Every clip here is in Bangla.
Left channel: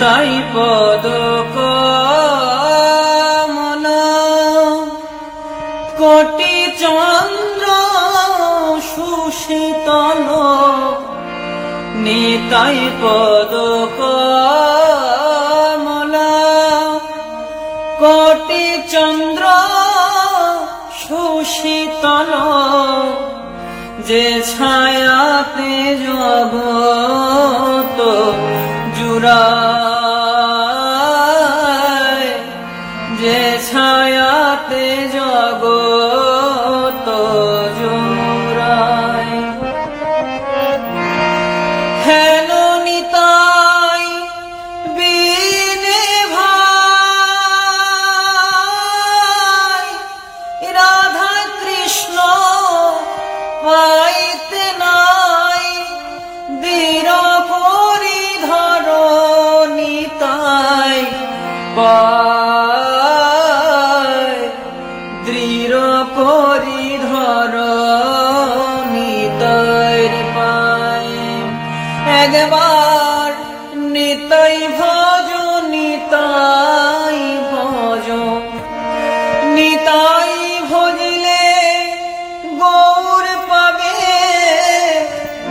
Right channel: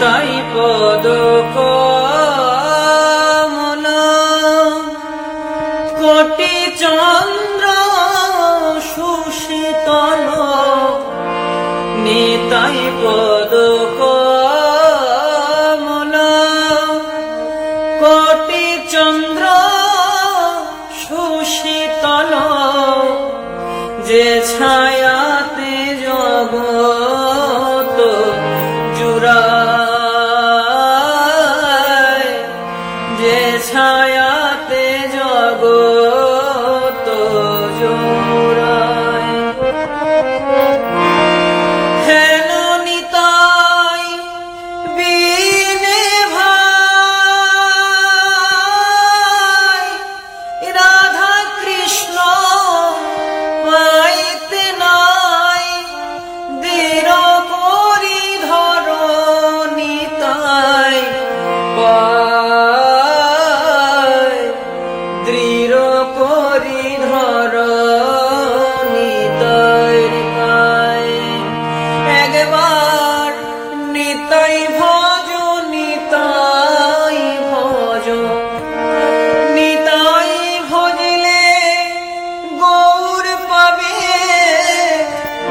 নিতাই পদ কমলা কোটি চন্দ্র সুশীতল নিতাই পদ কমলা কোটি চন্দ্র সুশীতল যে ছায়াতে জগৎ জুড়ায় যে ছায়াতে জগৎ জুড়ায় হেন নিতাই বিনে ভাই রাধা কৃষ্ণ পাইতে নাই দৃঢ় করি ধর নিতাই পায় দৃঢ় করি ধর নিতাই পায় একবার নিতাই ভজ নিতাই ভজ নিতাই ভজলে গৌর পাবে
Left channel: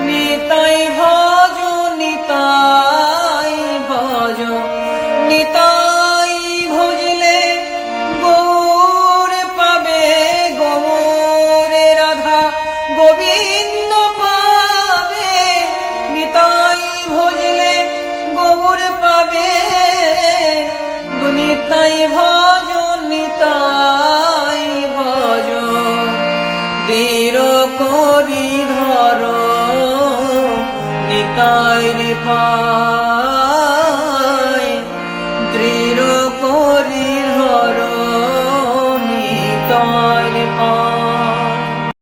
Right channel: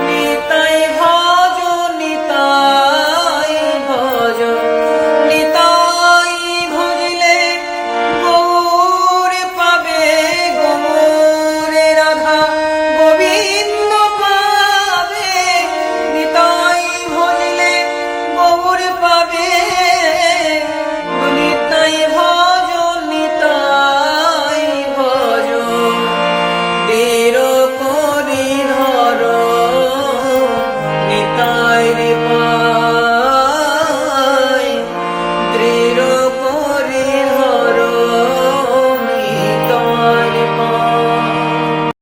নিতাই ভজ নিতাই ভজ নিতাই ভজলে গৌর পাবে গৌর রাধা গোবিন্দ পাবে নিতাই ভজলে গৌর পাবে নিতাই ভজ